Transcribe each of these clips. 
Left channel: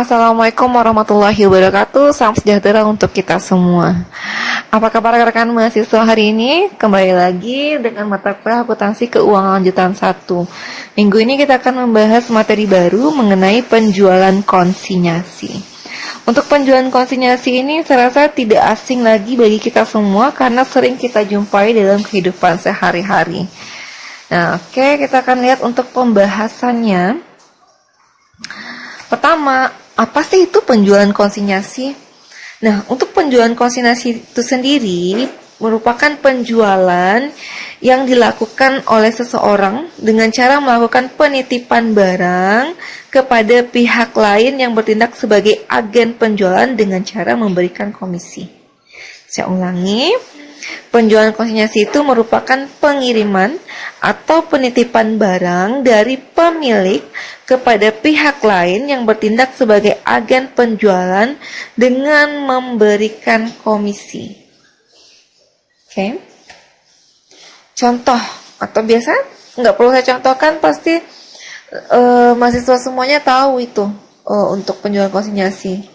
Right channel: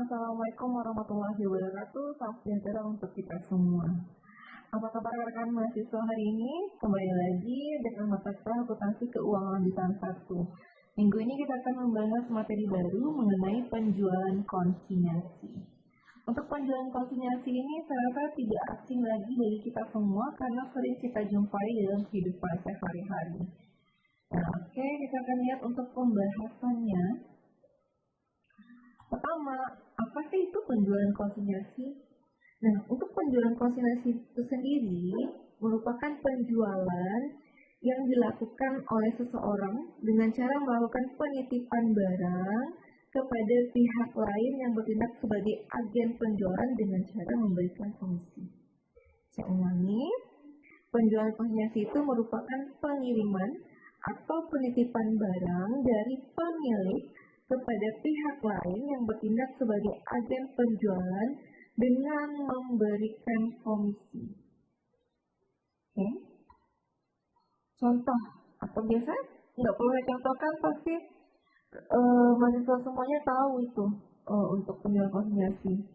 Assalamualaikum warahmatullahi wabarakatuh. Salam sejahtera untuk kita semua. Apa kabar rekan mahasiswa hari ini? Kembali lagi dengan mata kuliah akuntansi keuangan lanjutan 1. Minggu ini kita akan membahas materi baru mengenai penjualan konsinyasi. Untuk penjualan konsinyasi ini saya rasa tidak asing lagi bagi kita semua karena sering kita jumpai dalam kehidupan sehari-hari. Nah, oke, kita akan lihat untuk pembahasannya. Pertama, apa sih itu penjualan konsinyasi? Nah, untuk penjualan konsinyasi itu sendiri merupakan penjualan yang dilakukan oleh seseorang dengan cara melakukan penitipan barang kepada pihak lain yang bertindak sebagai agen penjualan dengan cara memberikan komisi. Saya ulangi, penjualan konsinyasi itu merupakan pengiriman atau penitipan barang dari pemilik kepada pihak lain yang bertindak sebagai agen penjualan dengan memberikan komisi. Oke. Contoh atau biasa nggak perlu saya contohkan, pasti mahasiswa semuanya tahu itu untuk penjualan konsinyasi.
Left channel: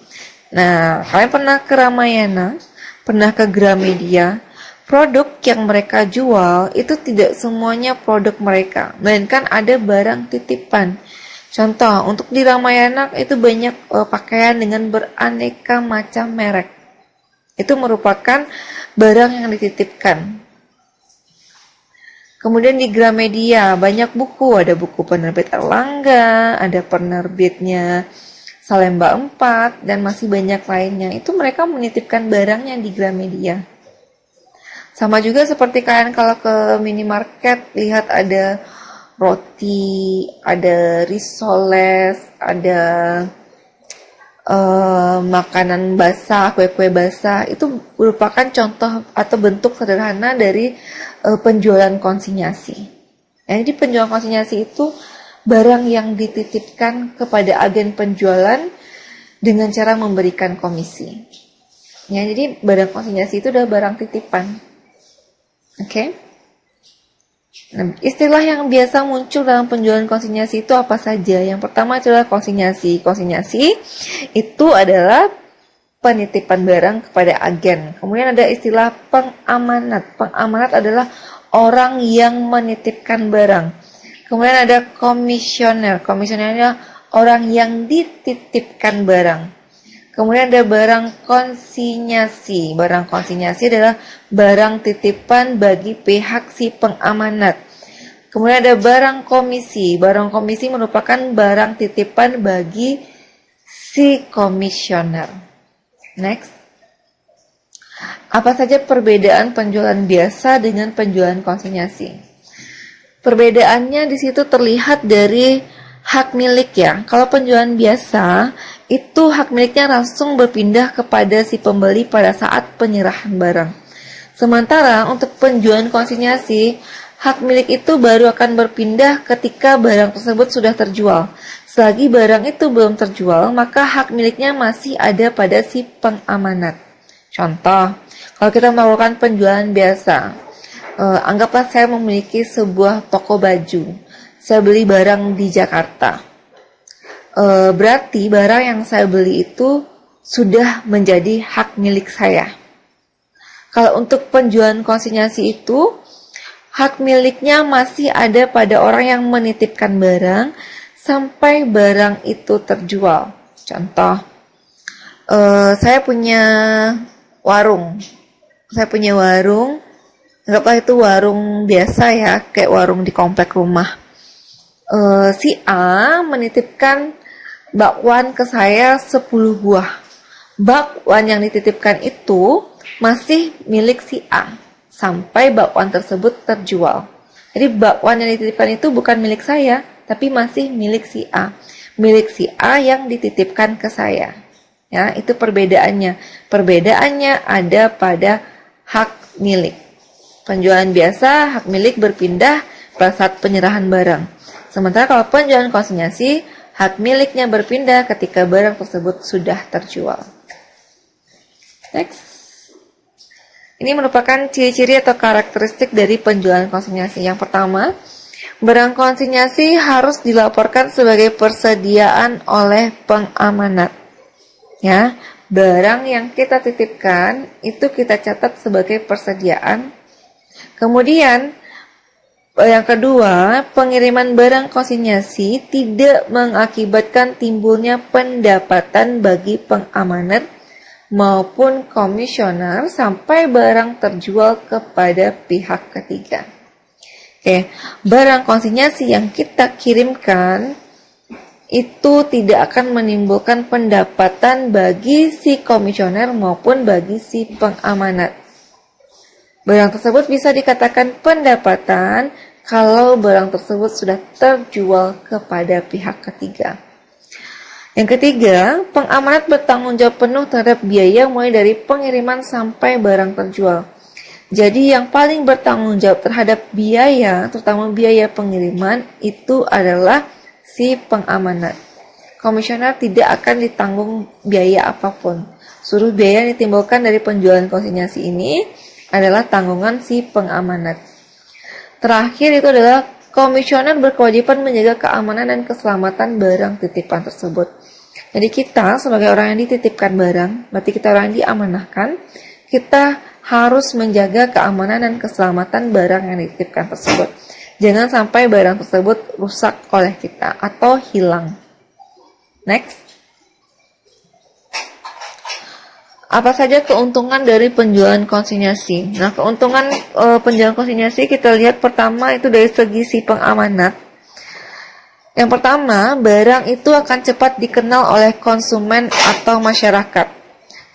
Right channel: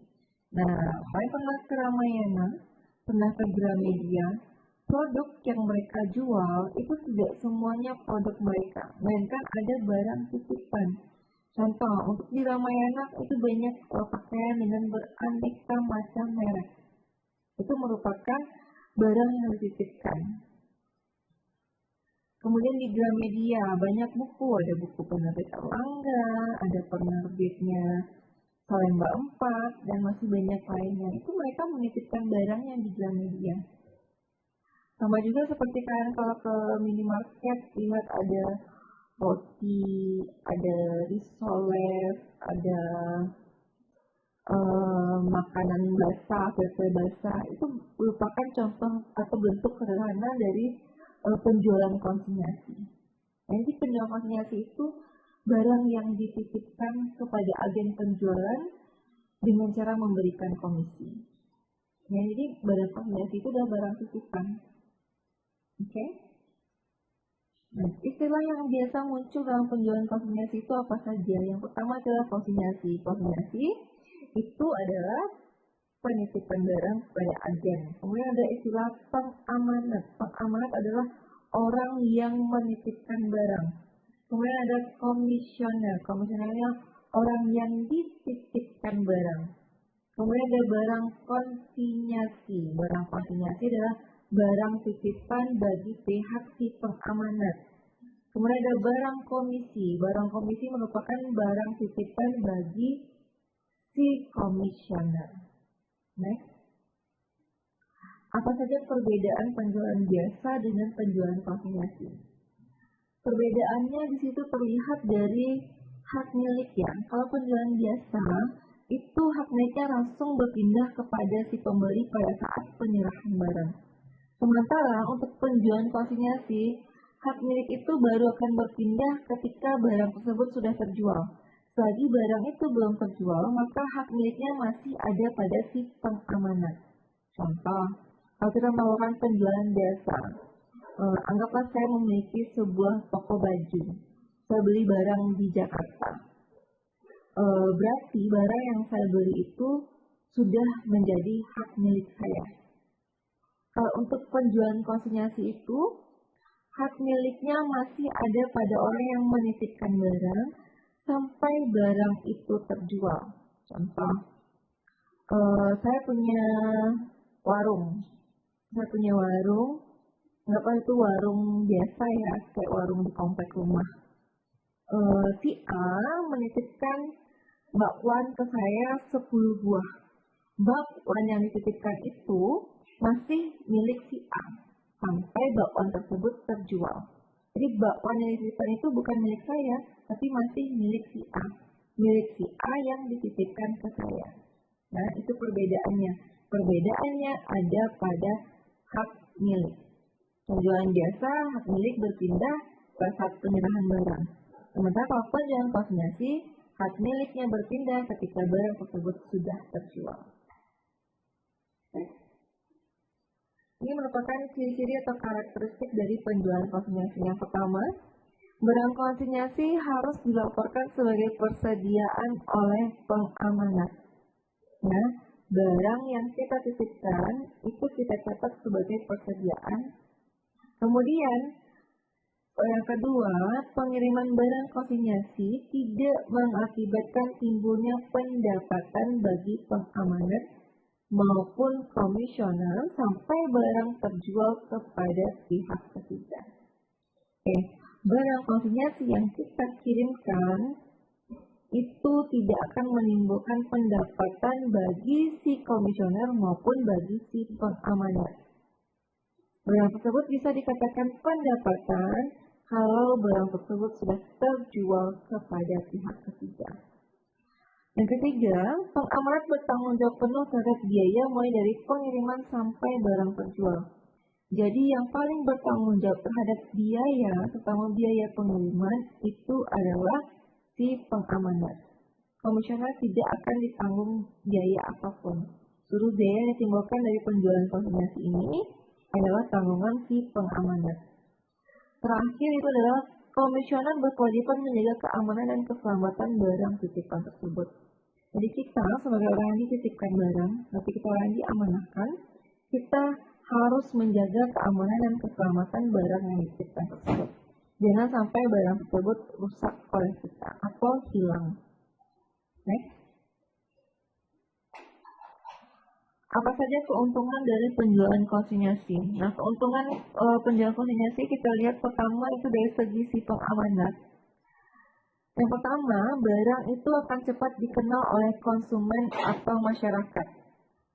Nah, kalian pernah ke Ramayana, pernah ke Gramedia. Produk yang mereka jual itu tidak semuanya produk mereka, melainkan ada barang titipan. Contoh, untuk di Ramayana itu banyak pakaian dengan beraneka macam merek. Itu merupakan barang yang dititipkan. Kemudian di Gramedia banyak buku, ada buku penerbit Erlangga, ada penerbitnya Salemba 4, dan masih banyak lainnya. Itu mereka menitipkan barangnya di Gramedia. Sama juga seperti kalian kalau ke minimarket, lihat ada roti, ada risoles, ada makanan basah, kue-kue basah. Itu merupakan contoh atau bentuk sederhana dari penjualan konsinyasi. Ya, jadi penjualan konsinyasi itu barang yang dititipkan kepada agen penjualan dengan cara memberikan komisi. Ya, jadi barang konsinyasi itu adalah barang titipan. Oke. Nah, istilah yang biasa muncul dalam penjualan konsinyasi itu apa saja? Yang pertama adalah konsinyasi. Konsinyasi itu adalah penitipan barang kepada agen. Kemudian ada istilah pengamanat. Pengamanat adalah orang yang menitipkan barang. Kemudian ada komisioner. Komisioner adalah orang yang dititipkan barang. Kemudian ada barang konsinyasi. Barang konsinyasi adalah barang titipan bagi pihak si pengamanat. Kemudian ada barang komisi. Barang komisi merupakan barang titipan bagi si komisioner. Next. Apa saja perbedaan penjualan biasa dengan penjualan konsinyasi? Perbedaannya di situ terlihat dari hak milik ya. Kalau penjualan biasa, itu hak miliknya langsung berpindah kepada si pembeli pada saat penyerahan barang. Sementara untuk penjualan konsinyasi, hak milik itu baru akan berpindah ketika barang tersebut sudah terjual. Selagi barang itu belum terjual, maka hak miliknya masih ada pada si pengamanat. Contoh, kalau kita melakukan penjualan biasa, anggaplah saya memiliki sebuah toko baju. Saya beli barang di Jakarta. Berarti barang yang saya beli itu sudah menjadi hak milik saya. Kalau untuk penjualan konsinyasi itu, hak miliknya masih ada pada orang yang menitipkan barang sampai barang itu terjual. Contoh, saya punya warung. Anggaplah itu warung biasa ya, kayak warung di komplek rumah. Si A menitipkan bakwan ke saya 10 buah. Bakwan yang dititipkan itu masih milik si A sampai bakwan tersebut terjual. Jadi bakwan yang dititipkan itu bukan milik saya, tapi masih milik si A. Milik si A yang dititipkan ke saya. Ya, itu perbedaannya. Perbedaannya ada pada hak milik. Penjualan biasa, hak milik berpindah pada saat penyerahan barang. Sementara kalau penjualan konsinyasi, hak miliknya berpindah ketika barang tersebut sudah terjual. Next. Ini merupakan ciri-ciri atau karakteristik dari penjualan konsinyasi. Yang pertama, Barang konsinyasi harus dilaporkan sebagai persediaan oleh pengamanat. Ya, barang yang kita titipkan itu kita catat sebagai persediaan. Kemudian yang kedua, pengiriman barang konsinyasi tidak mengakibatkan timbulnya pendapatan bagi pengamanat maupun komisioner sampai barang terjual kepada pihak ketiga. Oke, barang konsinyasi yang kita kirimkan itu tidak akan menimbulkan pendapatan bagi si komisioner maupun bagi si pengamanat. Barang tersebut bisa dikatakan pendapatan kalau barang tersebut sudah terjual kepada pihak ketiga. Yang ketiga, pengamanat bertanggung jawab penuh terhadap biaya mulai dari pengiriman sampai barang terjual. Jadi yang paling bertanggung jawab terhadap biaya, terutama biaya pengiriman, itu adalah si pengamanat. Komisioner tidak akan ditanggung biaya apapun. Seluruh biaya yang ditimbulkan dari penjualan konsinyasi ini adalah tanggungan si pengamanat. Terakhir itu adalah komisioner berkewajiban menjaga keamanan dan keselamatan barang titipan tersebut. Jadi kita sebagai orang yang dititipkan barang, berarti kita orang yang diamanahkan, kita harus menjaga keamanan dan keselamatan barang yang dititipkan tersebut. Jangan sampai barang tersebut rusak oleh kita atau hilang. Next. Apa saja keuntungan dari penjualan konsinyasi? Nah, keuntungan penjualan konsinyasi kita lihat pertama itu dari segi si pengamanat. Yang pertama, barang itu akan cepat dikenal oleh konsumen atau masyarakat.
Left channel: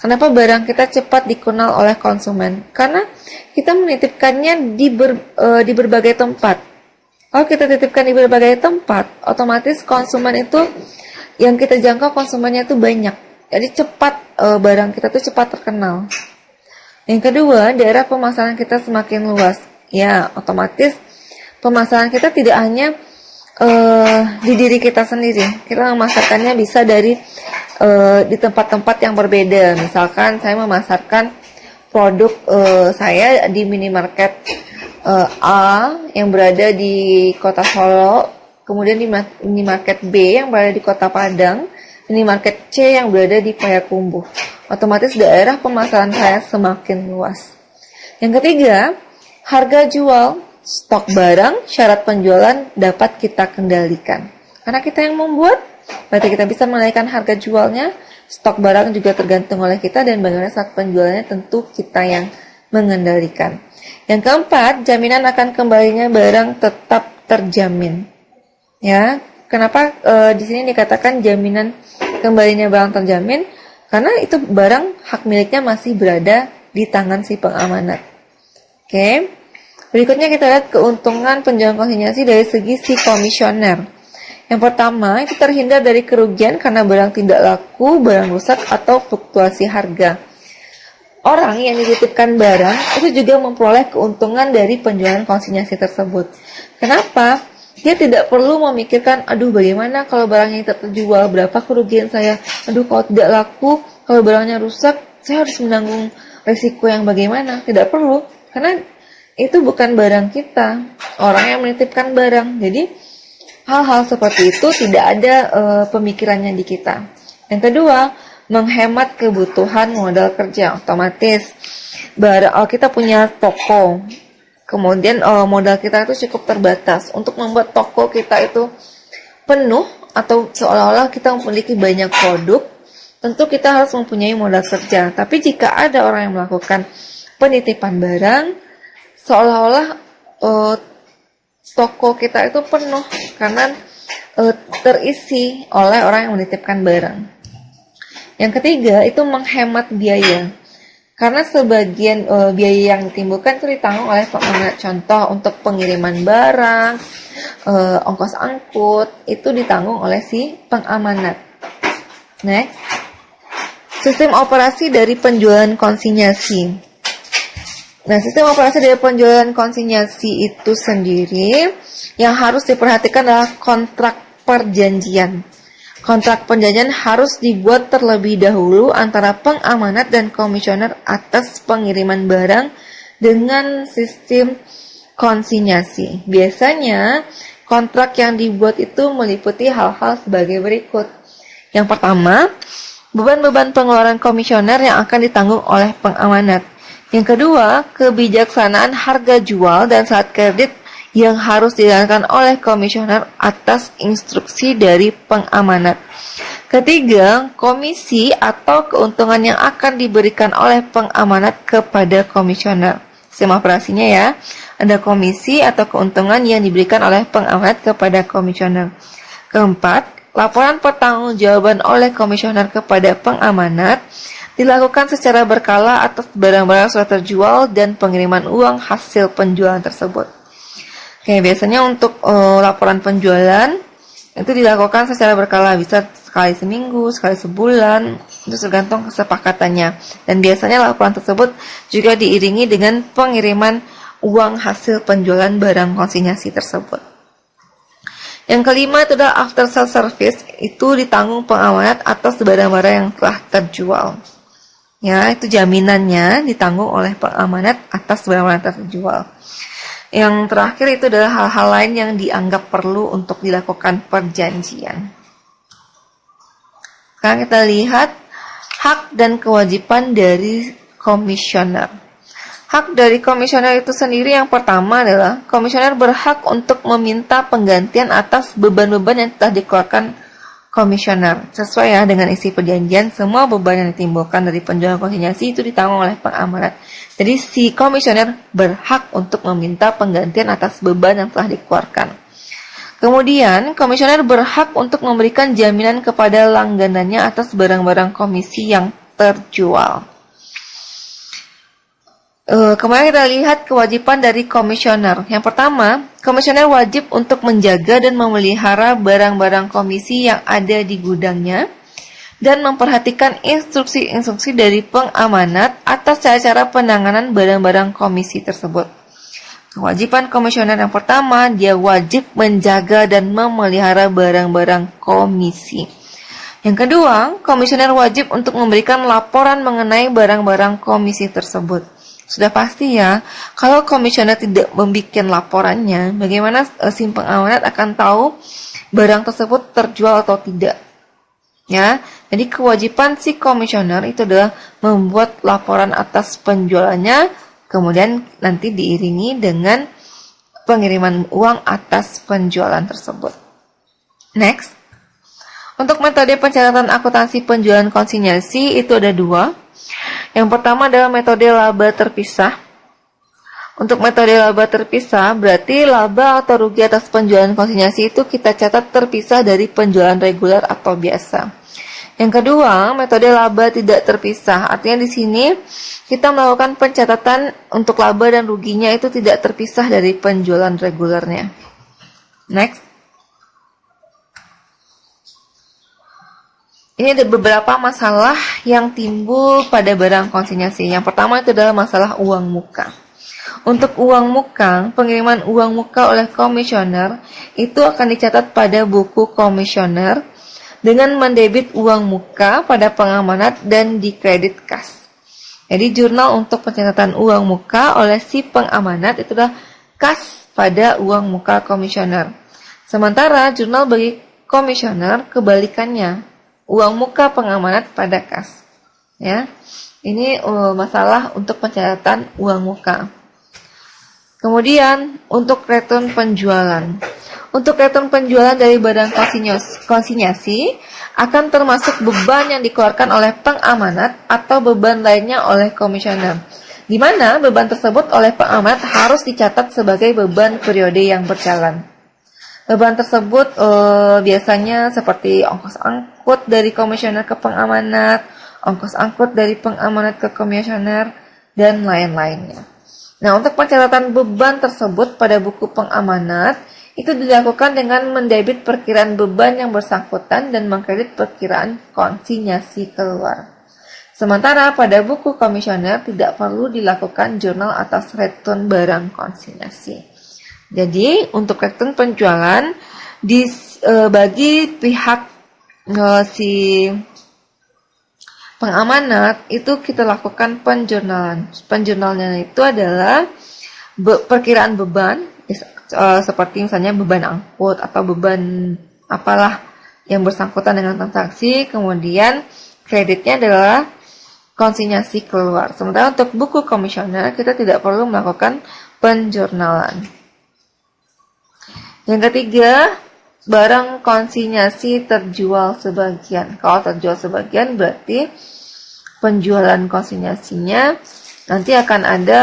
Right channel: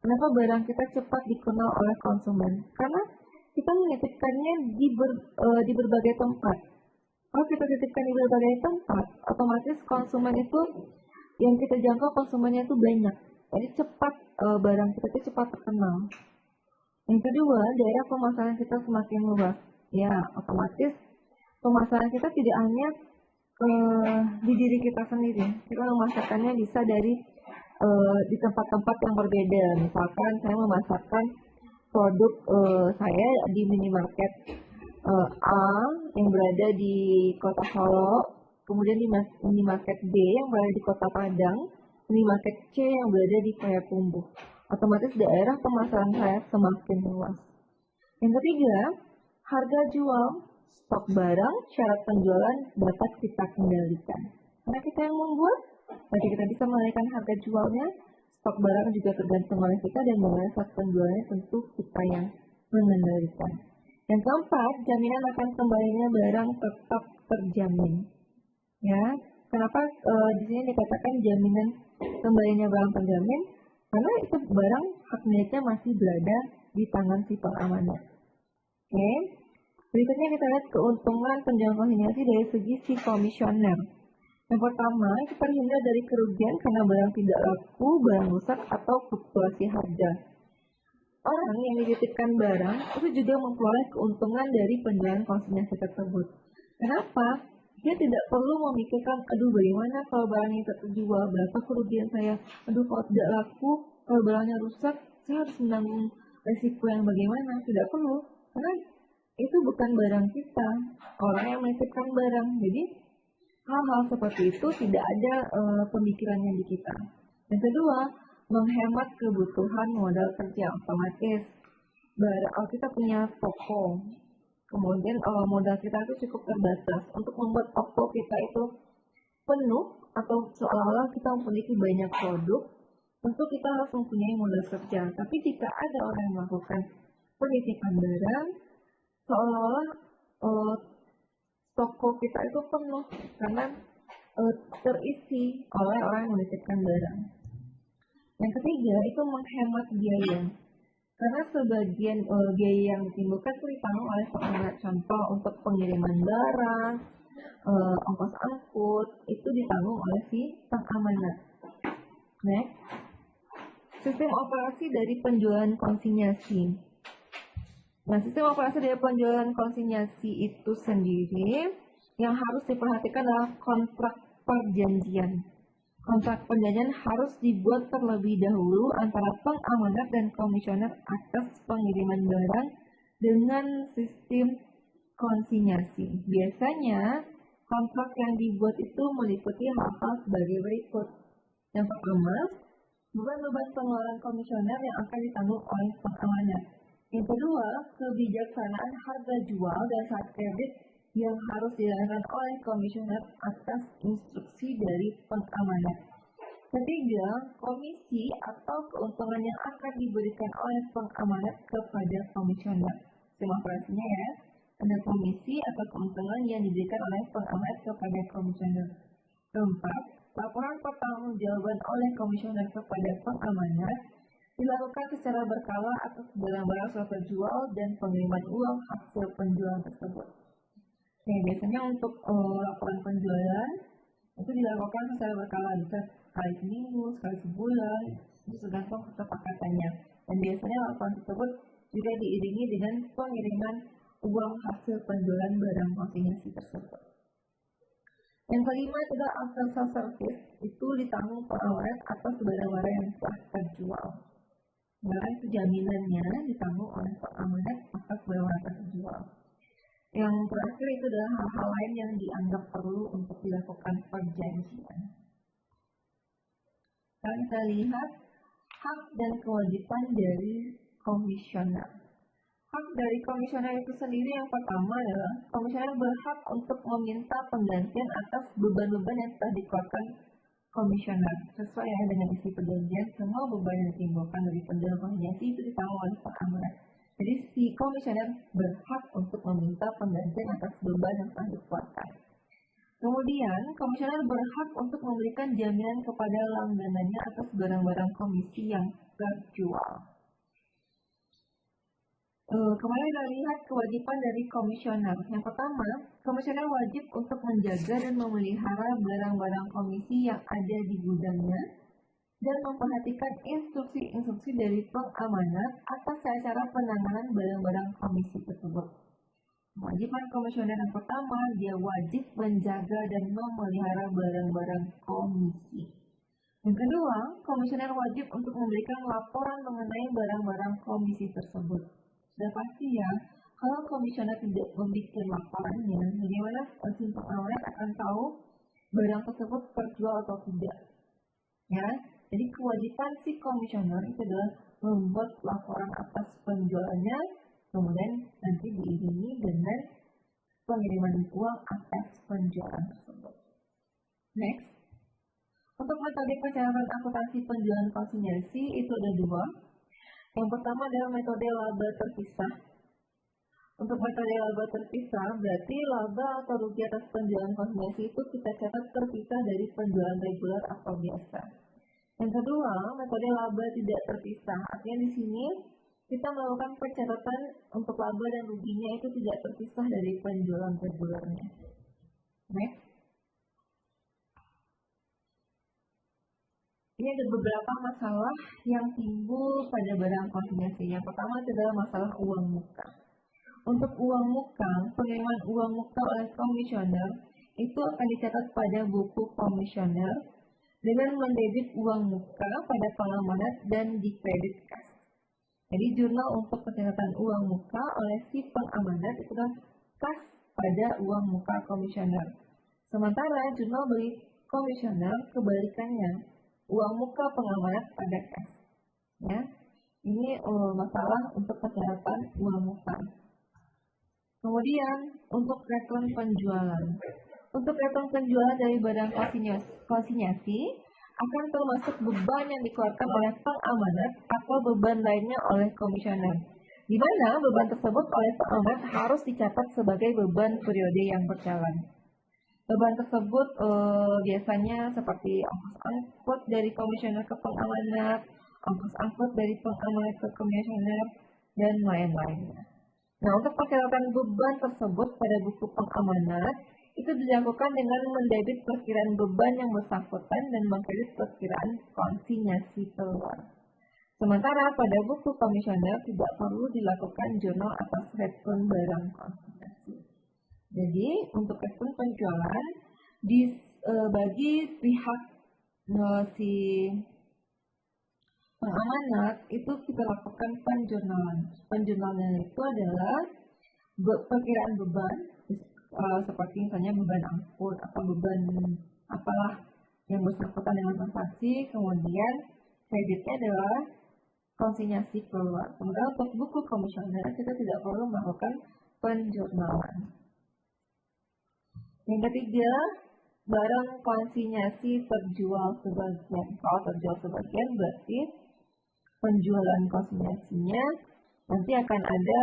Kenapa barang kita cepat dikenal oleh konsumen? Karena kita menitipkannya di berbagai tempat. Kalau kita titipkan di berbagai tempat, otomatis konsumen itu yang kita jangkau konsumennya itu banyak. Jadi cepat barang kita itu cepat terkenal. Yang kedua, daerah pemasaran kita semakin luas. Ya, otomatis pemasaran kita tidak hanya di diri kita sendiri. Kita memasarkannya bisa di tempat-tempat yang berbeda. Misalkan saya memasarkan produk saya di minimarket A yang berada di kota Solo, kemudian di minimarket B yang berada di kota Padang, minimarket C yang berada di Payakumbuh. Otomatis daerah pemasaran saya semakin luas. Yang ketiga, harga jual, stok barang, syarat penjualan dapat kita kendalikan. Karena kita yang membuat, berarti kita bisa menaikkan harga jualnya, stok barang juga tergantung oleh kita, dan bagaimana saat penjualannya tentu kita yang mengendalikan. Yang keempat, jaminan akan kembalinya barang tetap terjamin. Ya, kenapa di sini dikatakan jaminan kembalinya barang terjamin? Karena itu barang hak miliknya masih berada di tangan si pengamanat. Oke. Berikutnya kita lihat keuntungan penjualan konsinyasi dari segi si komisioner. Yang pertama, itu terhindar dari kerugian karena barang tidak laku, barang rusak, atau fluktuasi harga. Orang yang dititipkan barang itu juga memperoleh keuntungan dari penjualan konsinyasi tersebut. Kenapa? Dia tidak perlu memikirkan, aduh bagaimana kalau barangnya tidak terjual, berapa kerugian saya, aduh kalau tidak laku, kalau barangnya rusak, saya harus menanggung risiko yang bagaimana. Tidak perlu, karena itu bukan barang kita, orang yang menitipkan barang. Jadi hal-hal seperti itu tidak ada pemikirannya di kita. Yang kedua, menghemat kebutuhan modal kerja. Otomatis kita punya toko, kemudian modal kita itu cukup terbatas. Untuk membuat toko kita itu penuh atau seolah-olah kita memiliki banyak produk, tentu kita harus mempunyai modal kerja. Tapi jika ada orang yang melakukan penitipan barang, seolah-olah toko kita itu penuh karena terisi oleh orang yang menitipkan barang. Yang ketiga itu menghemat biaya. Karena sebagian biaya yang ditimbulkan itu ditanggung oleh pengamanat. Contoh untuk pengiriman barang, ongkos angkut itu ditanggung oleh si pengamanat. Next, sistem operasi dari penjualan konsinyasi. Nah, sistem operasi dari penjualan konsinyasi itu sendiri yang harus diperhatikan adalah kontrak perjanjian. Kontrak perjanjian harus dibuat terlebih dahulu antara pengamanat dan komisioner atas pengiriman barang dengan sistem konsinyasi. Biasanya Kontrak yang dibuat itu meliputi hal-hal sebagai berikut. Yang pertama, beban-beban pengeluaran komisioner yang akan ditanggung oleh pengamanat. Yang kedua, kebijaksanaan harga jual dan saat kredit yang harus dijalankan oleh komisioner atas instruksi dari pengamanat. Ketiga, komisi atau keuntungan yang akan diberikan oleh pengamanat kepada komisioner. Sistem operasinya ya, ada komisi atau keuntungan yang diberikan oleh pengamanat kepada komisioner. Keempat, laporan pertanggungjawaban oleh komisioner kepada pengamanat dilakukan secara berkala atas barang-barang sudah terjual dan pengiriman uang hasil penjualan tersebut. Oke, biasanya untuk laporan penjualan itu dilakukan secara berkala, bisa sekali seminggu, sekali sebulan, itu tergantung kesepakatannya. Dan biasanya laporan tersebut juga diiringi dengan pengiriman uang hasil penjualan barang konsinyasi tersebut. Yang kelima itu adalah after sale service, itu ditanggung pengamanat atas barang-barang yang telah terjual. Ya, itu jaminannya ditanggung oleh pengamanat atas barang-barang terjual. Yang terakhir itu adalah hal-hal lain yang dianggap perlu untuk dilakukan perjanjian. Sekarang kita lihat hak dan kewajiban dari komisioner. Hak dari komisioner itu sendiri yang pertama adalah komisioner berhak untuk meminta penggantian atas beban-beban yang telah dikeluarkan komisioner. Sesuai ya dengan isi perjanjian, semua beban yang ditimbulkan dari penjualan konsinyasi itu ditanggung oleh pengamanat. Jadi si komisioner berhak untuk meminta penggantian atas beban yang telah dikeluarkan. Kemudian, komisioner berhak untuk memberikan jaminan kepada langganannya atas barang-barang komisi yang terjual. Kemarin kita lihat kewajiban dari komisioner. Yang pertama, komisioner wajib untuk menjaga dan memelihara barang-barang komisi yang ada di gudangnya dan memperhatikan instruksi-instruksi dari pengamanat atas cara-cara penanganan barang-barang komisi tersebut. Kewajiban komisioner yang pertama, dia wajib menjaga dan memelihara barang-barang komisi. Yang kedua, komisioner wajib untuk memberikan laporan mengenai barang-barang komisi tersebut. Sudah pasti ya, kalau komisioner tidak membuat laporannya, bagaimana si pengamanat akan tahu barang tersebut terjual atau tidak. Ya, jadi kewajiban si komisioner itu adalah membuat laporan atas penjualannya, kemudian nanti diiringi dengan pengiriman uang atas penjualan tersebut. Next, untuk metode pencatatan akuntansi penjualan konsinyasi itu ada dua. Yang pertama adalah metode laba terpisah. Untuk metode laba terpisah, berarti laba atau rugi atas penjualan konsinyasi itu kita catat terpisah dari penjualan reguler atau biasa. Yang kedua, metode laba tidak terpisah. Artinya di sini kita melakukan pencatatan untuk laba dan ruginya itu tidak terpisah dari penjualan regulernya. Next. Ini ada beberapa masalah yang timbul pada barang konsinyasi. Yang pertama itu adalah masalah uang muka. Untuk uang muka, pengiriman uang muka oleh komisioner itu akan dicatat pada buku komisioner dengan mendebit uang muka pada pengamanat dan dikredit kas. Jadi jurnal untuk pencatatan uang muka oleh si pengamanat itu adalah kas pada uang muka komisioner. Sementara jurnal bagi komisioner kebalikannya, uang muka pengamanat pada kas. Ya, ini masalah untuk pencatatan uang muka. Kemudian untuk return penjualan. Untuk return penjualan dari barang konsinyasi akan termasuk beban yang dikeluarkan oleh pengamanat atau beban lainnya oleh komisioner. Di mana beban tersebut oleh pengamanat harus dicatat sebagai beban periode yang berjalan. Beban tersebut biasanya seperti ongkos angkut dari komisioner ke pengamanat, ongkos angkut dari pengamanat ke komisioner, dan lain-lainnya. Nah, untuk pencatatan beban tersebut pada buku pengamanat, itu dilakukan dengan mendebit perkiraan beban yang bersangkutan dan mengkredit perkiraan konsinyasi keluar. Sementara pada buku komisioner tidak perlu dilakukan jurnal atas return barang konsinyasi. Jadi untuk return penjualan bagi pihak si pengamanat itu kita lakukan penjurnalan. Penjurnalan itu adalah perkiraan beban seperti misalnya beban angkut atau beban apalah yang bersangkutan dengan transaksi, kemudian kreditnya adalah konsinyasi keluar. Sementara untuk buku komisioner kita tidak perlu melakukan penjurnalan. Yang ketiga, barang konsinyasi terjual sebagian. Kalau terjual sebagian berarti penjualan konsinyasinya nanti akan ada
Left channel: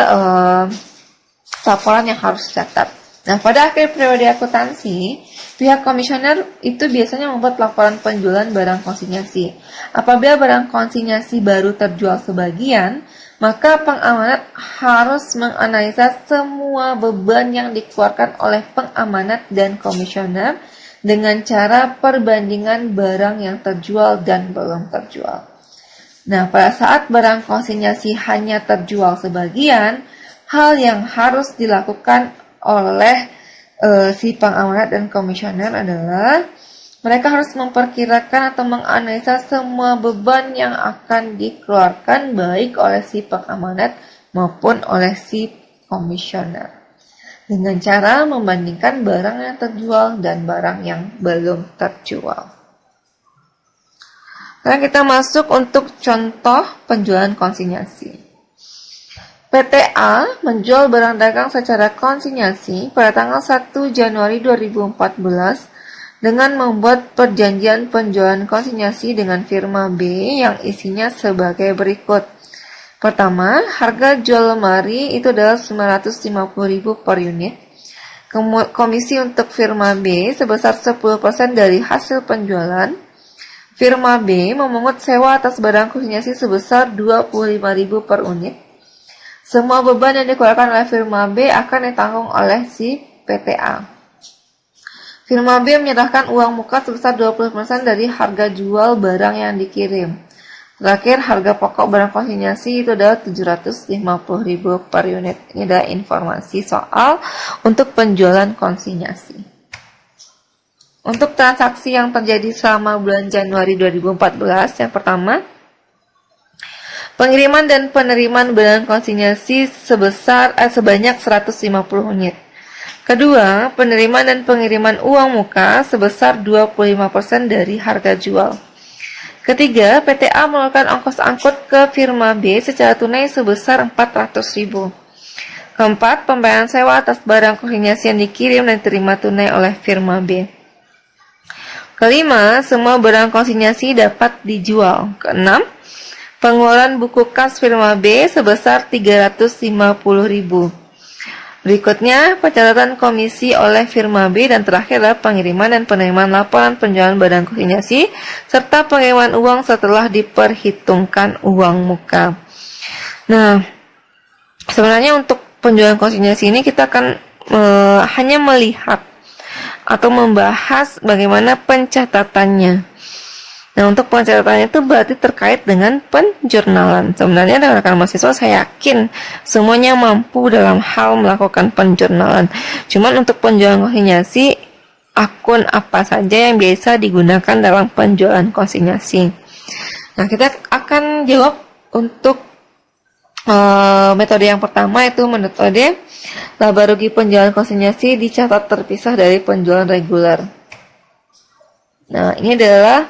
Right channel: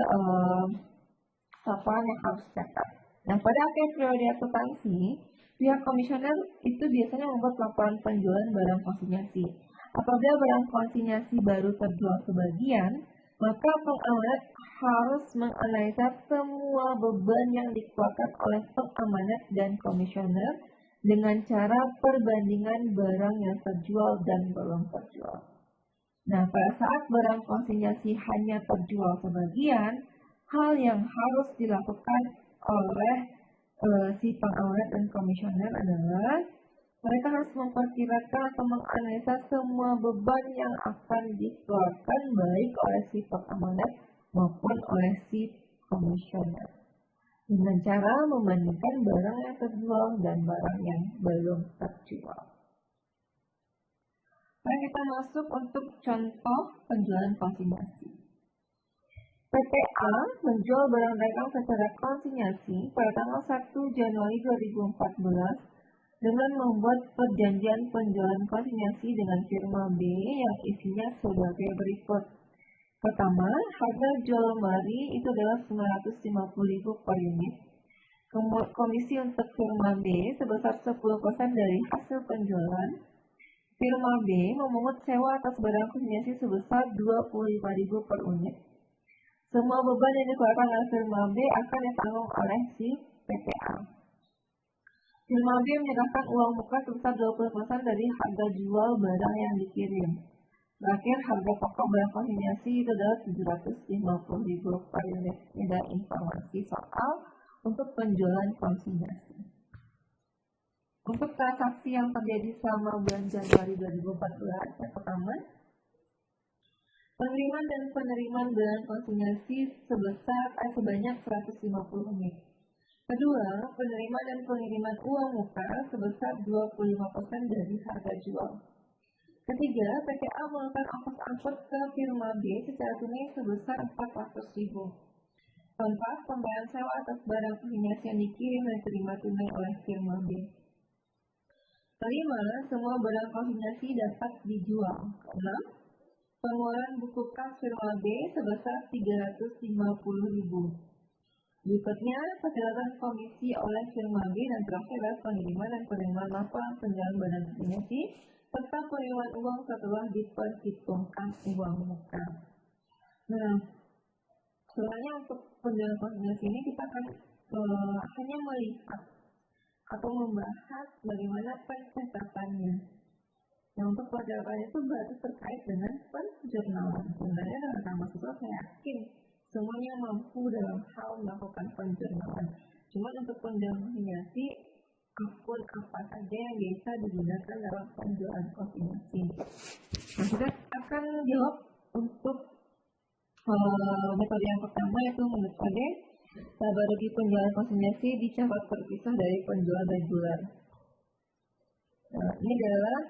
laporan yang harus dicatat. Nah, pada akhir periode akuntansi, pihak komisioner itu biasanya membuat laporan penjualan barang konsinyasi. Apabila barang konsinyasi baru terjual sebagian, maka pengamanat harus menganalisa semua beban yang dikeluarkan oleh pengamanat dan komisioner dengan cara perbandingan barang yang terjual dan belum terjual. Nah, pada saat barang konsinyasi hanya terjual sebagian, hal yang harus dilakukan oleh si pengamanat dan komisioner adalah mereka harus memperkirakan atau menganalisa semua beban yang akan dikeluarkan baik oleh si pengamanat maupun oleh si komisioner dengan cara membandingkan barang yang terjual dan barang yang belum terjual. Sekarang kita masuk untuk contoh penjualan konsinyasi. PTA menjual barang dagang secara konsinyasi pada tanggal 1 Januari 2014 dengan membuat perjanjian penjualan konsinyasi dengan firma B yang isinya sebagai berikut. Pertama, harga jual lemari itu adalah 950.000 per unit. Komisi untuk firma B sebesar 10% dari hasil penjualan. Firma B memungut sewa atas barang konsinyasi sebesar 25.000 per unit. Semua beban yang dikeluarkan oleh firma B akan ditanggung oleh si PTA. Firma B menyerahkan uang muka sebesar 20% dari harga jual barang yang dikirim. Terakhir, harga pokok barang konsinyasi itu adalah 750.000 per unit. Ini adalah informasi soal untuk penjualan konsinyasi. Untuk transaksi yang terjadi selama bulan Januari 2014, yang pertama, pengiriman dan penerimaan barang konsinyasi sebanyak 150 unit. Kedua, penerimaan dan pengiriman uang muka sebesar 25% dari harga jual. Ketiga, PTA melakukan ongkos angkut ke firma B secara tunai sebesar 400.000. Keempat, pembayaran sewa atas barang konsinyasi yang dikirim dan diterima tunai oleh firma B. Kelima, semua barang konsinyasi dapat dijual. Keenam, pengeluaran buku kas firma B sebesar 350.000. Berikutnya, pencatatan komisi oleh firma B dan terakhir adalah pengiriman dan penerimaan laporan penjualan barang konsinyasi serta pengiriman uang setelah diperhitungkan uang muka. Nah, sebenarnya untuk penjualan konsinyasi ini kita akan hanya melihat atau membahas bagaimana pencatatannya. Nah, untuk pencatatannya itu berarti terkait dengan penjurnalan. Sebenarnya rekan-rekan mahasiswa saya yakin semuanya mampu dalam hal melakukan penjurnalan. Cuman untuk penjualan konsinyasi, akun apa saja yang biasa digunakan dalam penjualan konsinyasi. Nah, kita akan jawab untuk metode yang pertama, yaitu metode laba rugi penjualan konsinyasi dicatat terpisah dari penjualan reguler. Nah, ini adalah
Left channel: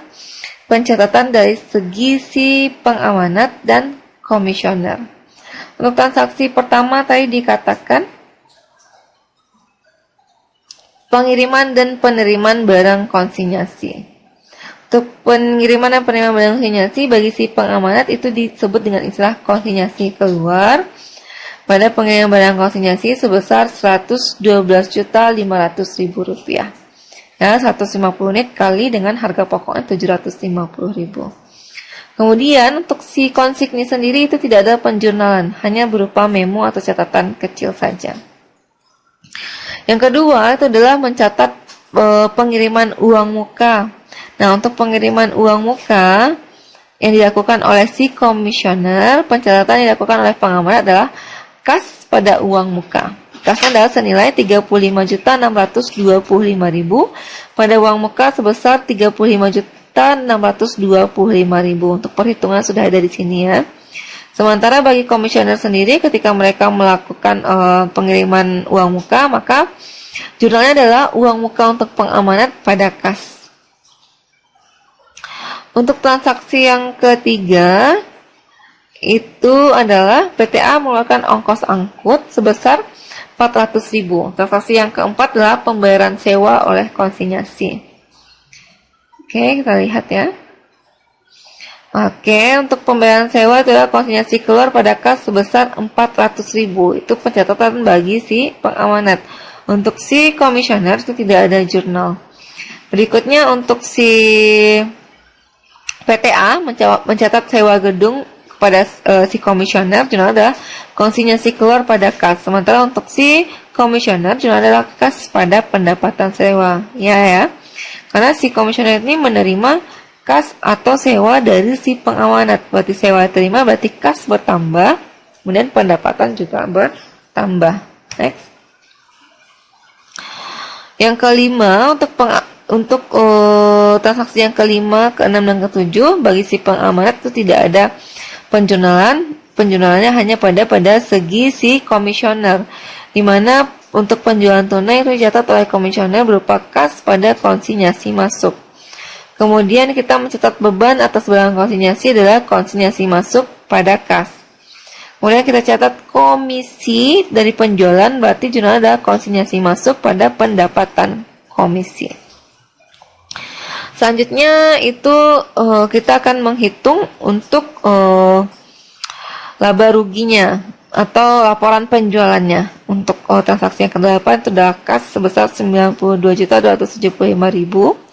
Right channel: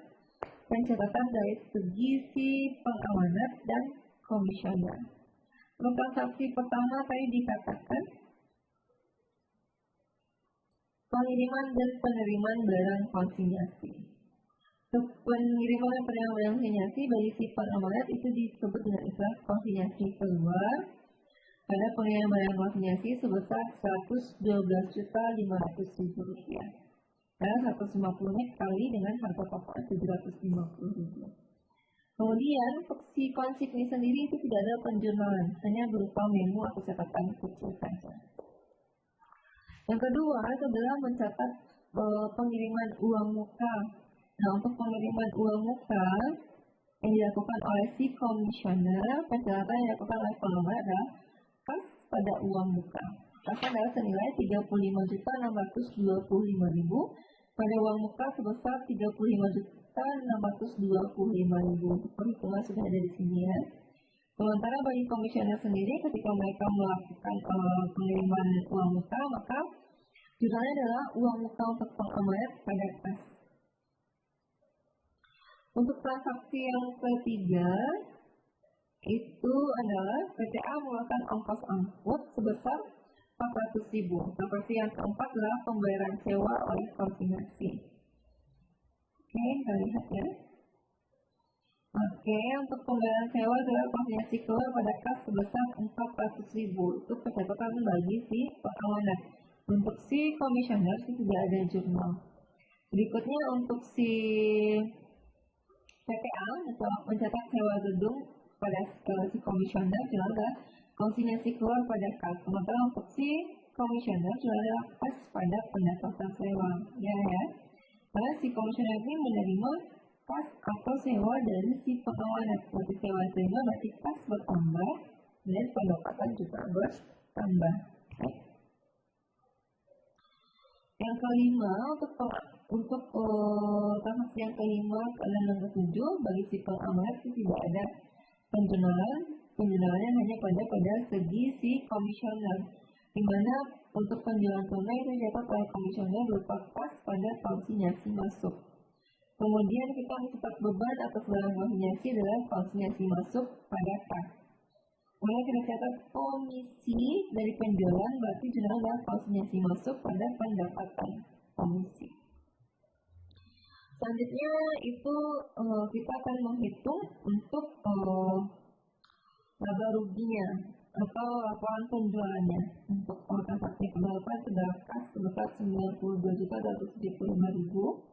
pencatatan dari segi si pengamanat dan komisioner. Untuk transaksi pertama tadi dikatakan pengiriman dan penerimaan barang konsinyasi. Untuk pengiriman dan penerimaan barang konsinyasi bagi si pengamanat itu disebut dengan istilah konsinyasi keluar. Pada pengiriman barang konsinyasi sebesar Rp112.500.000. Ya, 150 unit kali dengan harga pokoknya 750.000. Kemudian untuk si konsigni sendiri itu tidak ada penjurnalan, hanya berupa memo atau catatan kecil saja. Yang kedua itu adalah mencatat pengiriman uang muka. Nah, untuk pengiriman uang muka yang dilakukan oleh si komisioner, pencatatan yang dilakukan oleh pengamanat adalah kas pada uang muka. Kasnya adalah senilai 35.625.000 pada uang muka sebesar 35.625.000. Untuk perhitungan sudah ada di sini ya. Sementara bagi komisioner sendiri ketika mereka melakukan pengiriman uang muka, maka Jurnalnya adalah uang muka untuk pengamanat pada kas. Untuk transaksi yang ketiga, itu adalah PTA mengeluarkan ongkos angkut sebesar 400.000. Transaksi yang keempat adalah pembayaran sewa oleh konsinyasi. Oke, kita lihat ya. Oke, untuk pembayaran sewa itu adalah konsinyasi keluar pada kas sebesar 400.000. Itu pencatatan bagi si pengamanat. Untuk si komisioner itu tidak ada jurnal. Berikutnya untuk si PTA mencatat sewa gedung kepada si komisioner, jurnal adalah konsinyasi keluar pada kas. Sementara untuk si komisioner, jurnal adalah kas pada pendapatan sewa. Ya. Karena si komisioner ini menerima kas atau sewa dari si pengamanat. Berarti sewa terima, berarti kas bertambah, kemudian pendapatan juga bertambah. Next. Yang kelima, untuk transaksi yang kelima, keenam, dan ketujuh, bagi si pengamanat itu tidak ada penjurnalan. Penjurnalannya hanya pada segi si komisioner, di mana untuk penjualan tunai itu dicatat oleh komisioner berupa kas pada konsinyasi masuk. Kemudian kita mencatat beban atas barang konsinyasi adalah konsinyasi masuk pada kas. Kemudian kita catat komisi dari penjualan, berarti jurnal adalah konsinyasi masuk pada pendapatan komisi. Selanjutnya itu kita akan menghitung untuk laba ruginya atau laporan penjualannya. Untuk transaksi yang ke-8 itu adalah kas sebesar 92.275.000.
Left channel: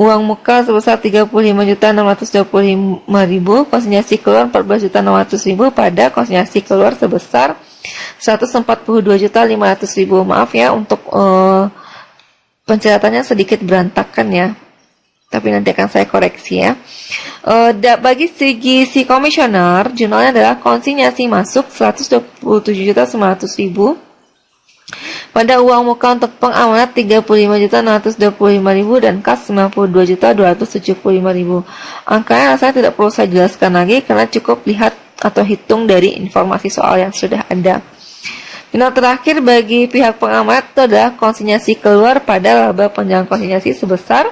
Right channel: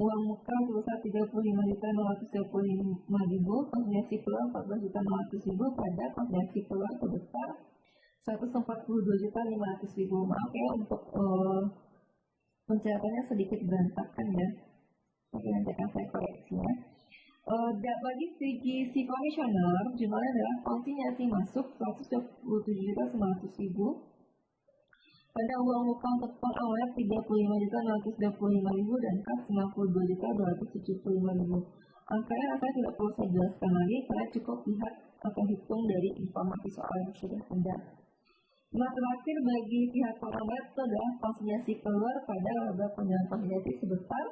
Uang muka sebesar 35.625.000, konsinyasi keluar 14.600.000 pada konsinyasi keluar sebesar 142.500.000. Maaf ya untuk pencatatannya sedikit berantakan ya. Tapi nanti akan saya koreksi ya. Bagi segi si komisioner, jurnalnya adalah konsinyasi masuk 127.900.000. Pada uang muka untuk pengamanat 35.625.000 dan kas 92.275.000. Angkanya rasanya tidak perlu saya jelaskan lagi karena cukup lihat atau hitung dari informasi soal yang sudah ada. Jurnal terakhir bagi pihak pengamanat itu adalah konsinyasi keluar pada laba penjualan konsinyasi sebesar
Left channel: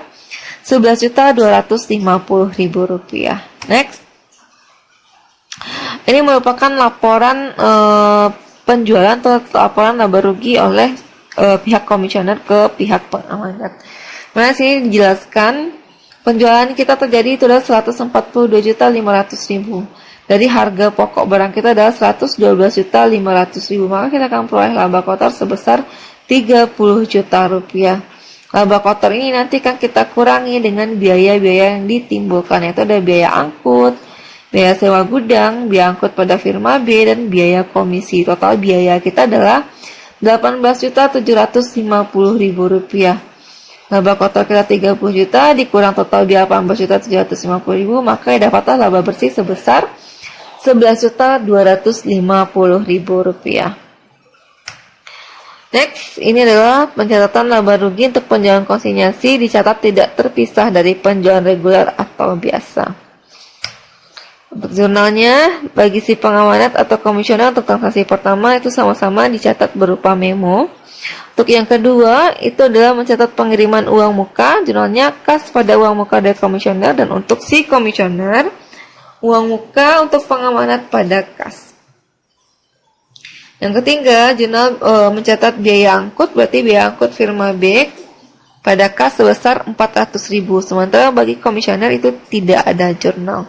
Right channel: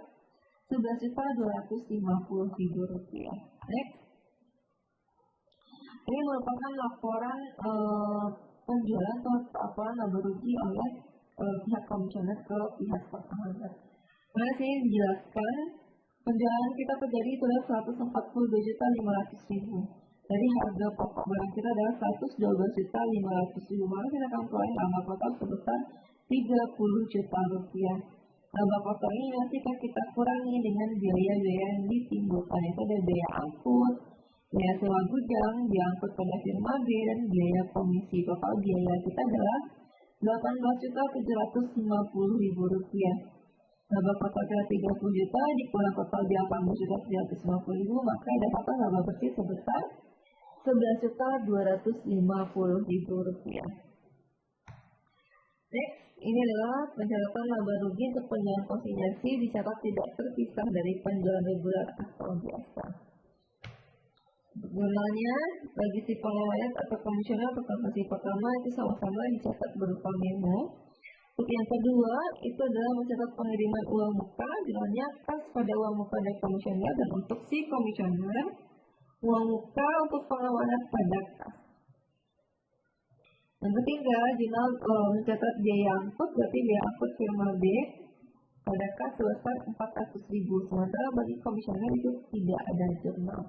11.250.000 rupiah. Next. Ini merupakan laporan penjualan atau laporan laba rugi oleh pihak komisioner ke pihak pengamanat. Nah, sini dijelaskan penjualan kita terjadi itu adalah 142.500.000. Dari harga pokok barang kita adalah 112.500.000. Maka kita akan peroleh laba kotor sebesar 30 juta rupiah. Laba kotor ini nanti akan kita kurangi dengan biaya-biaya yang ditimbulkan, yaitu ada biaya angkut, biaya sewa gudang, biaya angkut pada firma B, dan biaya komisi. Total biaya kita adalah 18.750.000 rupiah. Laba kotor kita 30 juta, dikurang total biaya 18.750.000, maka dapatlah laba bersih sebesar 11.250.000 rupiah. Next, ini adalah pencatatan laba rugi untuk penjualan konsinyasi, dicatat tidak terpisah dari penjualan reguler atau biasa. Untuk jurnalnya, bagi si pengamanat atau komisioner untuk transaksi pertama itu sama-sama dicatat berupa memo. Untuk yang kedua, itu adalah mencatat pengiriman uang muka, jurnalnya kas pada uang muka dari komisioner, dan untuk si komisioner, uang muka untuk pengamanat pada kas. Yang ketiga, jurnal mencatat biaya angkut, berarti biaya angkut firma B pada kas sebesar 400.000. Sementara bagi komisioner itu tidak ada jurnal.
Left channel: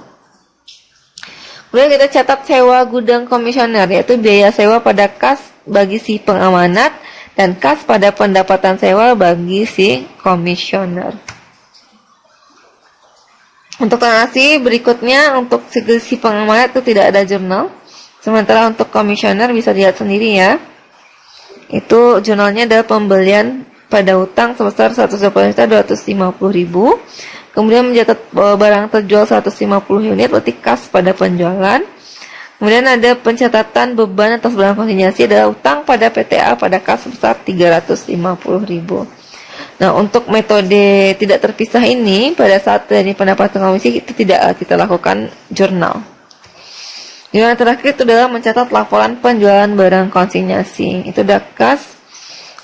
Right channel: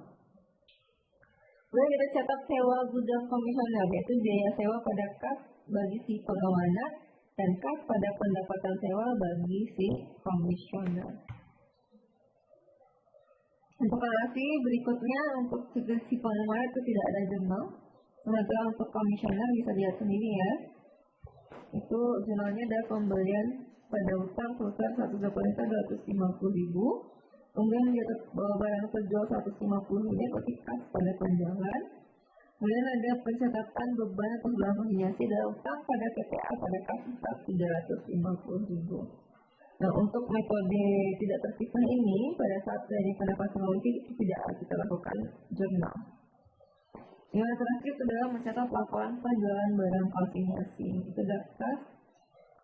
Kemudian kita catat sewa gudang komisioner, yaitu biaya sewa pada kas bagi si pengamanat dan kas pada pendapatan sewa bagi si komisioner. Untuk transaksi berikutnya, untuk si pengamanat itu tidak ada jurnal. Sementara untuk komisioner bisa dilihat sendiri ya. Itu jurnalnya adalah pembelian pada utang sebesar 120.250.000. Kemudian mencatat barang terjual 150 unit, berarti kas pada penjualan. Kemudian ada pencatatan beban atas barang konsinyasi adalah utang pada PTA pada kas sebesar 350.000. Nah, untuk metode tidak terpisah ini, pada saat dari pendapatan komisi itu tidak kita lakukan jurnal. Yang terakhir itu adalah mencatat laporan penjualan barang konsinyasi. Itu ada kas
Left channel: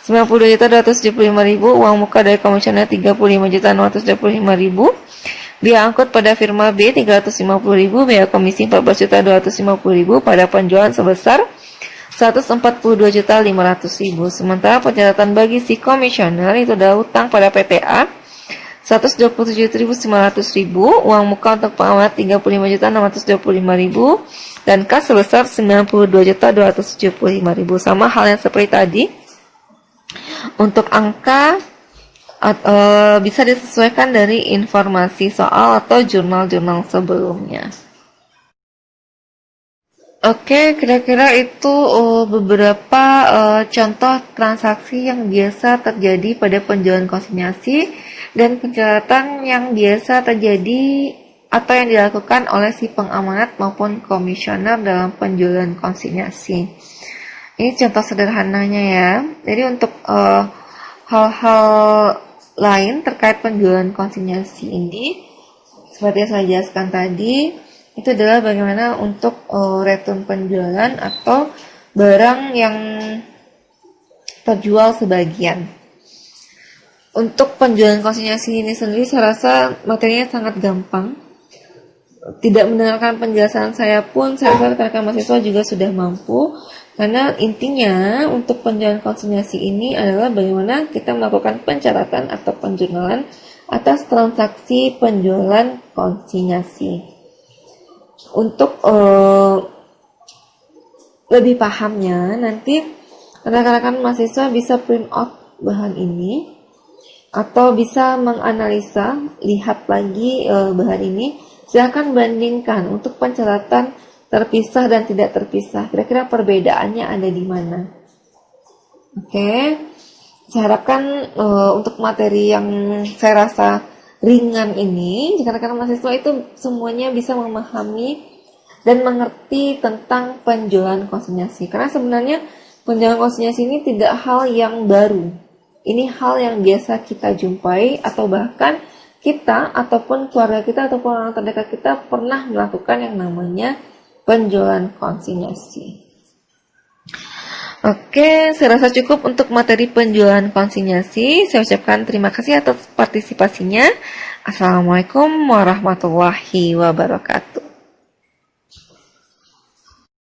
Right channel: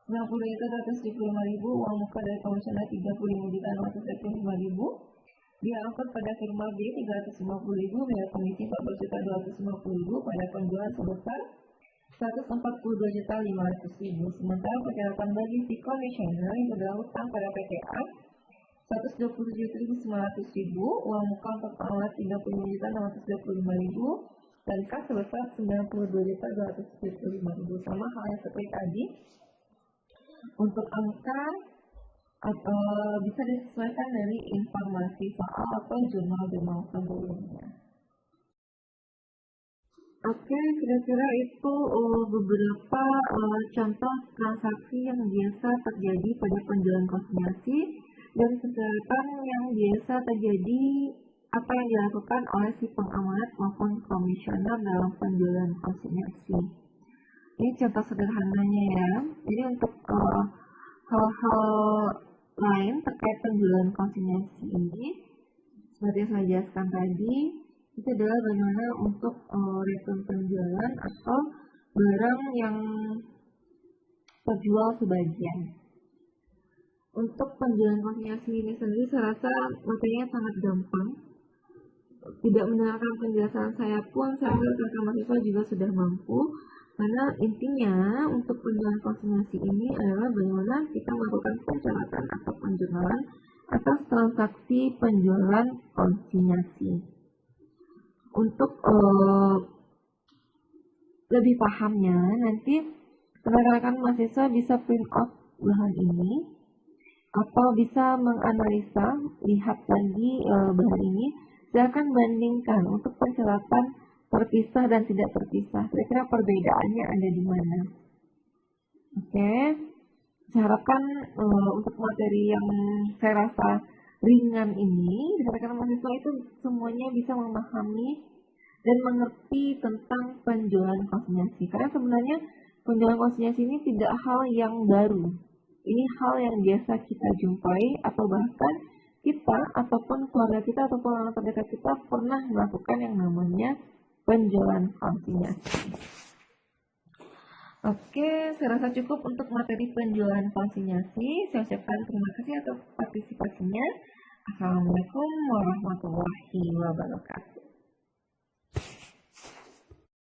Rp92.275.000, uang muka dari komisioner Rp35.625.000, biaya angkut pada firma B Rp350.000, biaya komisi Rp14.250.000 pada penjualan sebesar Rp142.500.000. Sementara pencatatan bagi si komisioner itu adalah utang pada PTA Rp127.900.000, uang muka untuk pengamat Rp35.625.000, dan kas sebesar Rp92.275.000. Sama hal yang seperti tadi. Untuk angka bisa disesuaikan dari informasi soal atau jurnal-jurnal sebelumnya. Oke, kira-kira itu beberapa contoh transaksi yang biasa terjadi pada penjualan konsinyasi dan pencatatan yang biasa terjadi atau yang dilakukan oleh si pengamanat maupun komisioner dalam penjualan konsinyasi. Ini contoh sederhananya ya. Jadi untuk hal-hal lain terkait penjualan konsinyasi ini, seperti yang saya jelaskan tadi, itu adalah bagaimana untuk return penjualan atau barang yang terjual sebagian. Untuk penjualan konsinyasi ini sendiri saya rasa materinya sangat gampang. Tidak mendengarkan penjelasan saya pun, saya rasa rekan-rekan mahasiswa juga sudah mampu. Karena intinya untuk penjualan konsinyasi ini adalah bagaimana kita melakukan pencatatan atau penjurnalan atas transaksi penjualan konsinyasi. Untuk lebih pahamnya, nanti rekan-rekan mahasiswa bisa print out bahan ini atau bisa menganalisa, lihat lagi bahan ini. Silakan bandingkan untuk pencatatan terpisah dan tidak terpisah. Kira-kira perbedaannya ada di mana? Oke, saya harapkan untuk materi yang saya rasa ringan ini, rekan-rekan mahasiswa itu semuanya bisa memahami dan mengerti tentang penjualan konsinyasi. Karena sebenarnya penjualan konsinyasi ini tidak hal yang baru. Ini hal yang biasa kita jumpai atau bahkan kita ataupun keluarga kita ataupun orang terdekat kita pernah melakukan yang namanya penjualan konsinyasi. Oke, saya rasa cukup untuk materi penjualan konsinyasi. Saya ucapkan terima kasih atas partisipasinya. Assalamualaikum warahmatullahi wabarakatuh.